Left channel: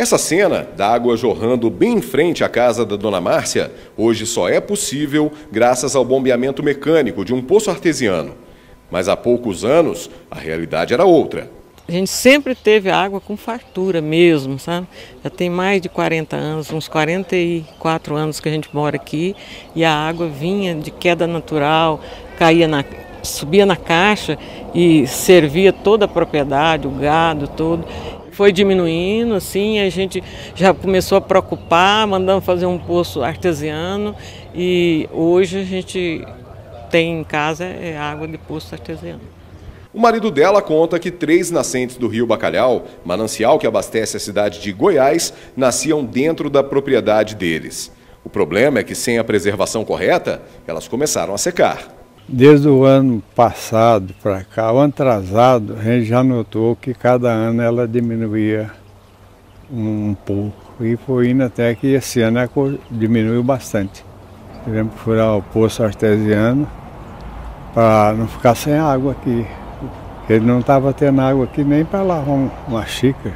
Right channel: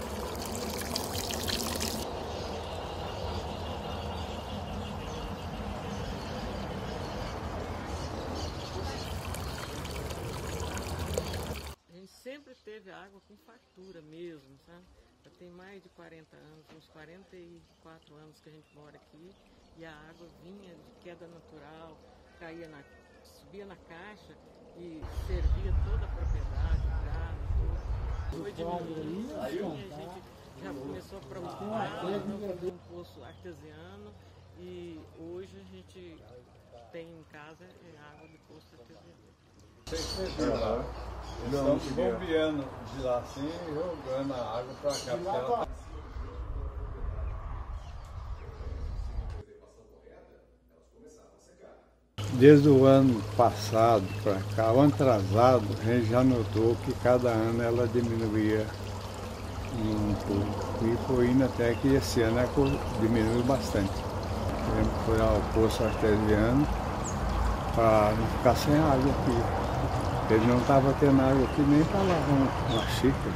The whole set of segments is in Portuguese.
Essa cena da água jorrando bem em frente à casa da Dona Márcia, hoje só é possível graças ao bombeamento mecânico de um poço artesiano. Mas há poucos anos, a realidade era outra. A gente sempre teve água com fartura mesmo, sabe? Já tem mais de 40 anos, uns 44 anos que a gente mora aqui e a água vinha de queda natural, subia na caixa e servia toda a propriedade, o gado todo. Foi diminuindo, assim, a gente já começou a preocupar, mandamos fazer um poço artesiano e hoje a gente tem em casa água de poço artesiano. O marido dela conta que 3 nascentes do rio Bacalhau, manancial que abastece a cidade de Goiás, nasciam dentro da propriedade deles. O problema é que sem a preservação correta, elas começaram a secar. Desde o ano passado para cá, o ano atrasado, a gente já notou que cada ano ela diminuía um pouco. E foi indo até que esse ano diminuiu bastante. Tivemos que furar o poço artesiano para não ficar sem água aqui. Ele não estava tendo água aqui nem para lavar uma xícara.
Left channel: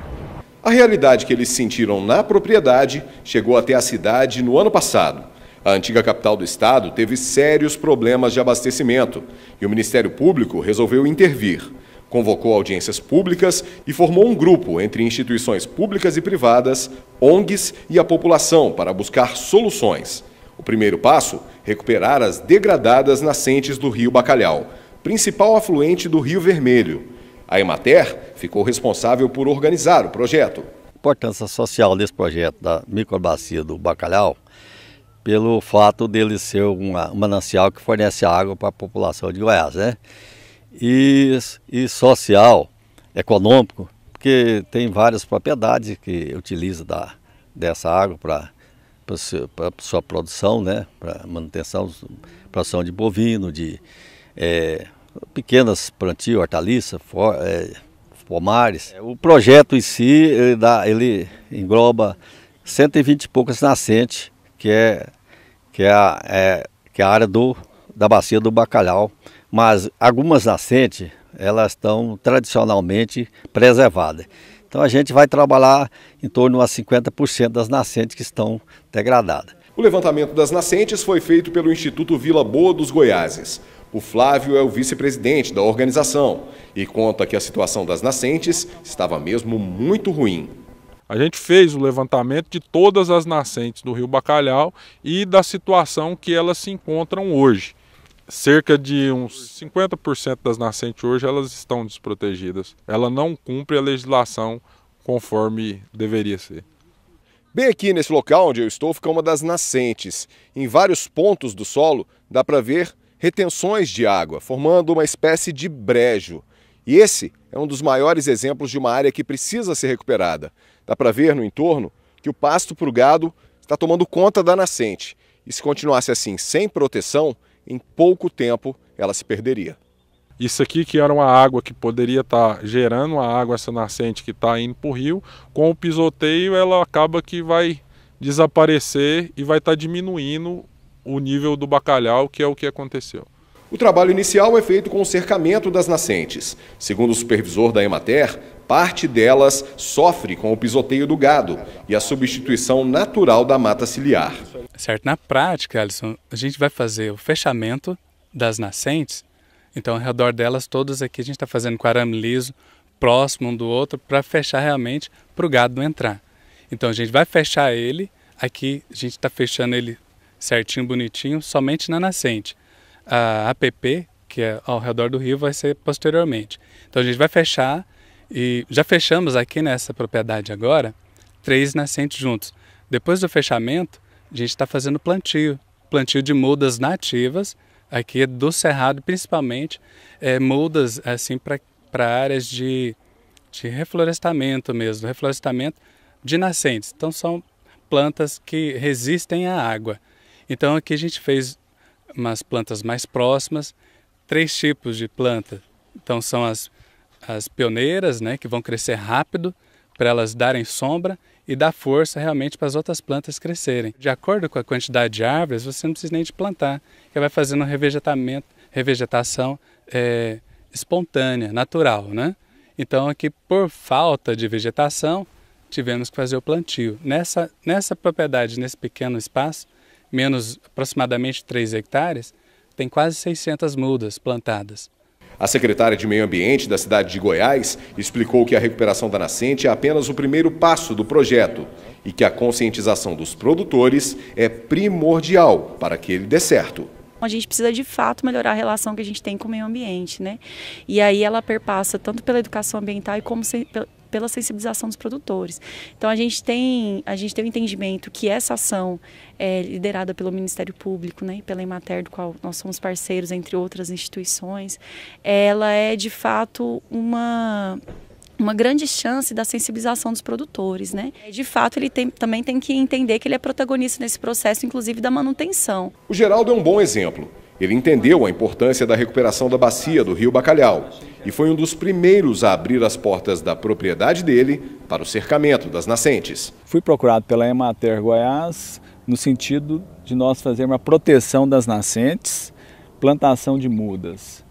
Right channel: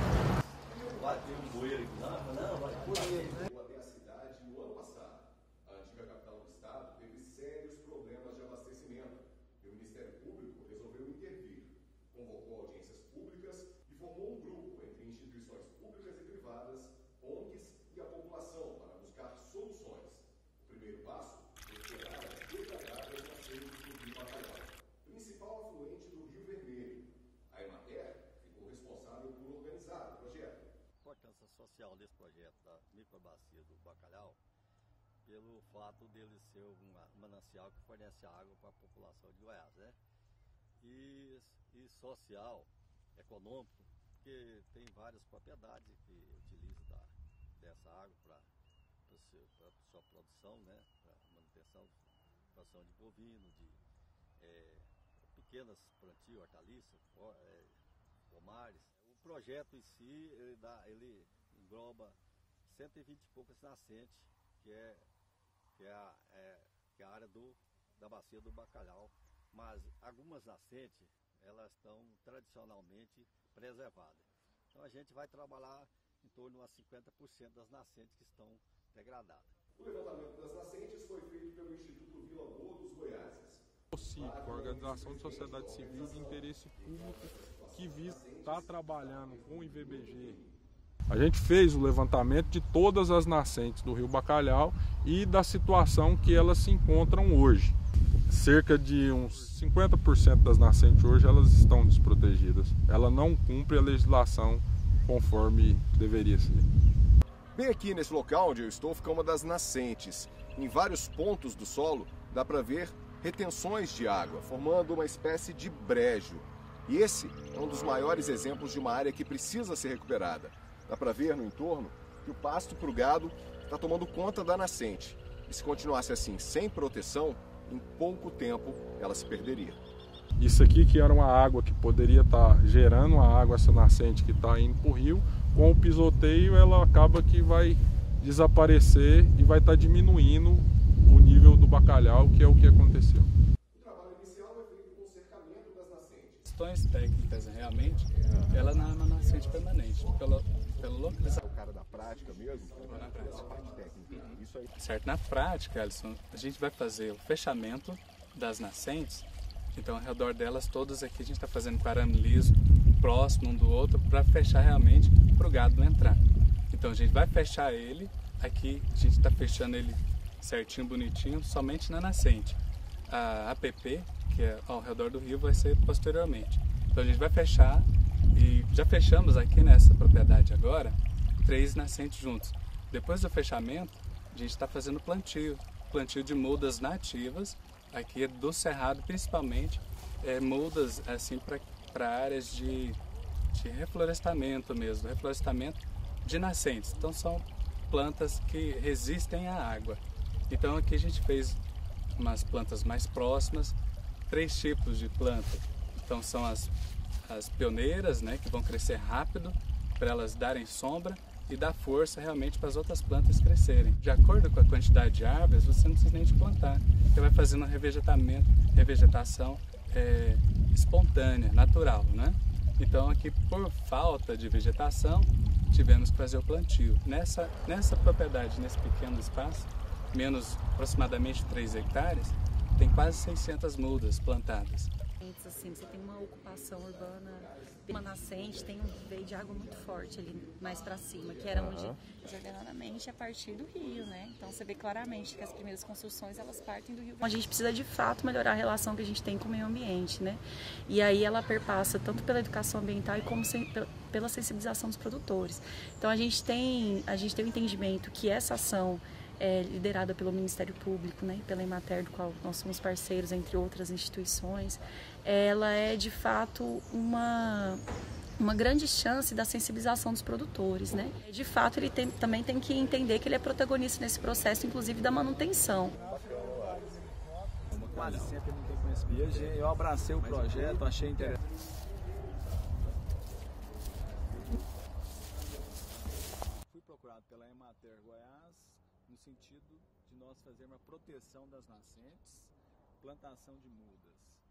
A realidade que eles sentiram na propriedade chegou até a cidade no ano passado. A antiga capital do estado teve sérios problemas de abastecimento e o Ministério Público resolveu intervir. Convocou audiências públicas e formou um grupo entre instituições públicas e privadas, ONGs e a população para buscar soluções. O primeiro passo, recuperar as degradadas nascentes do rio Bacalhau, principal afluente do Rio Vermelho. A Emater ficou responsável por organizar o projeto. A importância social desse projeto da microbacia do Bacalhau, pelo fato dele ser um manancial que fornece água para a população de Goiás, né? E social, econômico, porque tem várias propriedades que utilizam dessa água para sua produção, né? Para manutenção, produção de bovino, de pequenas plantio, hortaliças, pomares. O projeto em si, ele engloba 120 e poucas nascentes, que é a área da bacia do Bacalhau, mas algumas nascentes, elas estão tradicionalmente preservadas. Então a gente vai trabalhar em torno a 50% das nascentes que estão degradadas. O levantamento das nascentes foi feito pelo Instituto Vila Boa dos Goiáses. O Flávio é o vice-presidente da organização e conta que a situação das nascentes estava mesmo muito ruim. A gente fez o levantamento de todas as nascentes do rio Bacalhau e da situação que elas se encontram hoje. Cerca de uns 50% das nascentes hoje elas estão desprotegidas. Ela não cumpre a legislação conforme deveria ser. Bem aqui nesse local onde eu estou fica uma das nascentes. Em vários pontos do solo dá para ver retenções de água, formando uma espécie de brejo. E esse é um dos maiores exemplos de uma área que precisa ser recuperada. Dá para ver no entorno que o pasto para o gado está tomando conta da nascente. E se continuasse assim, sem proteção, em pouco tempo ela se perderia. Isso aqui que era uma água que poderia estar gerando a água, essa nascente que está indo para o rio, com o pisoteio ela acaba que vai desaparecer e vai estar diminuindo o nível do bacalhau, que é o que aconteceu. O trabalho inicial é feito com o cercamento das nascentes. Segundo o supervisor da Emater, parte delas sofre com o pisoteio do gado e a substituição natural da mata ciliar. Certo, na prática, Alisson, a gente vai fazer o fechamento das nascentes. Então, ao redor delas, todas aqui, a gente está fazendo com arame liso, próximo um do outro, para fechar realmente, para o gado não entrar. Então, a gente vai fechar ele, aqui a gente está fechando ele certinho, bonitinho, somente na nascente. A APP, que é ao redor do rio, vai ser posteriormente. Então, a gente vai fechar, e já fechamos aqui nessa propriedade agora, 3 nascentes juntos. Depois do fechamento, a gente está fazendo plantio de mudas nativas, aqui do cerrado principalmente, mudas assim para áreas de reflorestamento mesmo, reflorestamento de nascentes. Então são plantas que resistem à água. Então aqui a gente fez umas plantas mais próximas, 3 tipos de planta. Então são as pioneiras, né, que vão crescer rápido para elas darem sombra e dar força realmente para as outras plantas crescerem. De acordo com a quantidade de árvores, você não precisa nem de plantar, que vai fazendo revegetação espontânea, natural, né? Então aqui por falta de vegetação, tivemos que fazer o plantio. Nessa propriedade, nesse pequeno espaço, menos aproximadamente 3 hectares, tem quase 600 mudas plantadas. A secretária de Meio Ambiente da cidade de Goiás explicou que a recuperação da nascente é apenas o primeiro passo do projeto e que a conscientização dos produtores é primordial para que ele dê certo. A gente precisa de fato melhorar a relação que a gente tem com o meio ambiente, né? E aí ela perpassa tanto pela educação ambiental como pela sensibilização dos produtores. Então a gente tem o entendimento que essa ação liderada pelo Ministério Público, né, e pela Emater, do qual nós somos parceiros, entre outras instituições, ela é de fato uma grande chance da sensibilização dos produtores, né? De fato, ele também tem que entender que ele é protagonista nesse processo, inclusive da manutenção. O Geraldo é um bom exemplo. Ele entendeu a importância da recuperação da bacia do Rio Bacalhau e foi um dos primeiros a abrir as portas da propriedade dele para o cercamento das nascentes. Fui procurado pela Emater Goiás no sentido de nós fazermos uma proteção das nascentes, plantação de mudas.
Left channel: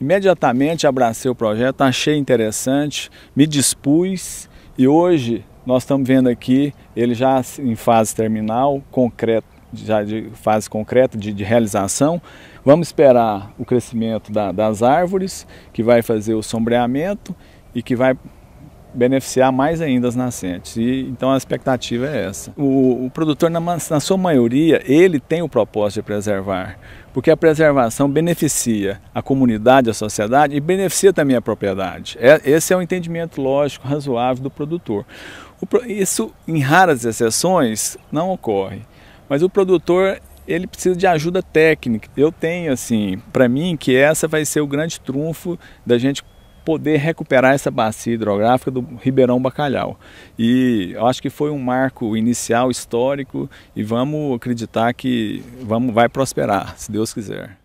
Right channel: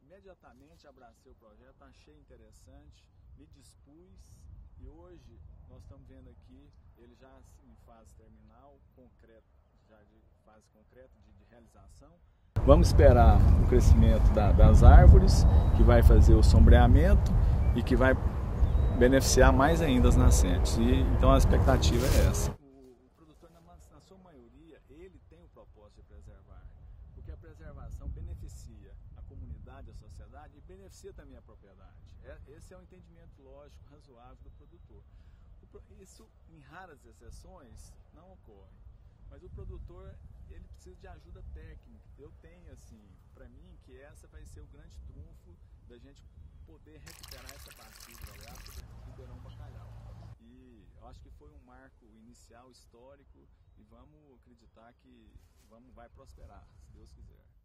Imediatamente abracei o projeto, achei interessante, me dispus e hoje nós estamos vendo aqui ele já em fase terminal, concreto, já de fase concreta de realização. Vamos esperar o crescimento das árvores, que vai fazer o sombreamento e que vai beneficiar mais ainda as nascentes. Então a expectativa é essa. O produtor, na sua maioria, ele tem o propósito de preservar, porque a preservação beneficia a comunidade, a sociedade e beneficia também a propriedade. Esse é o entendimento lógico, razoável do produtor. Isso, em raras exceções, não ocorre, mas o produtor ele precisa de ajuda técnica. Eu tenho, assim, para mim, que essa vai ser o grande trunfo da gente poder recuperar essa bacia hidrográfica do Ribeirão Bacalhau. E eu acho que foi um marco inicial histórico e vamos acreditar que vai prosperar, se Deus quiser.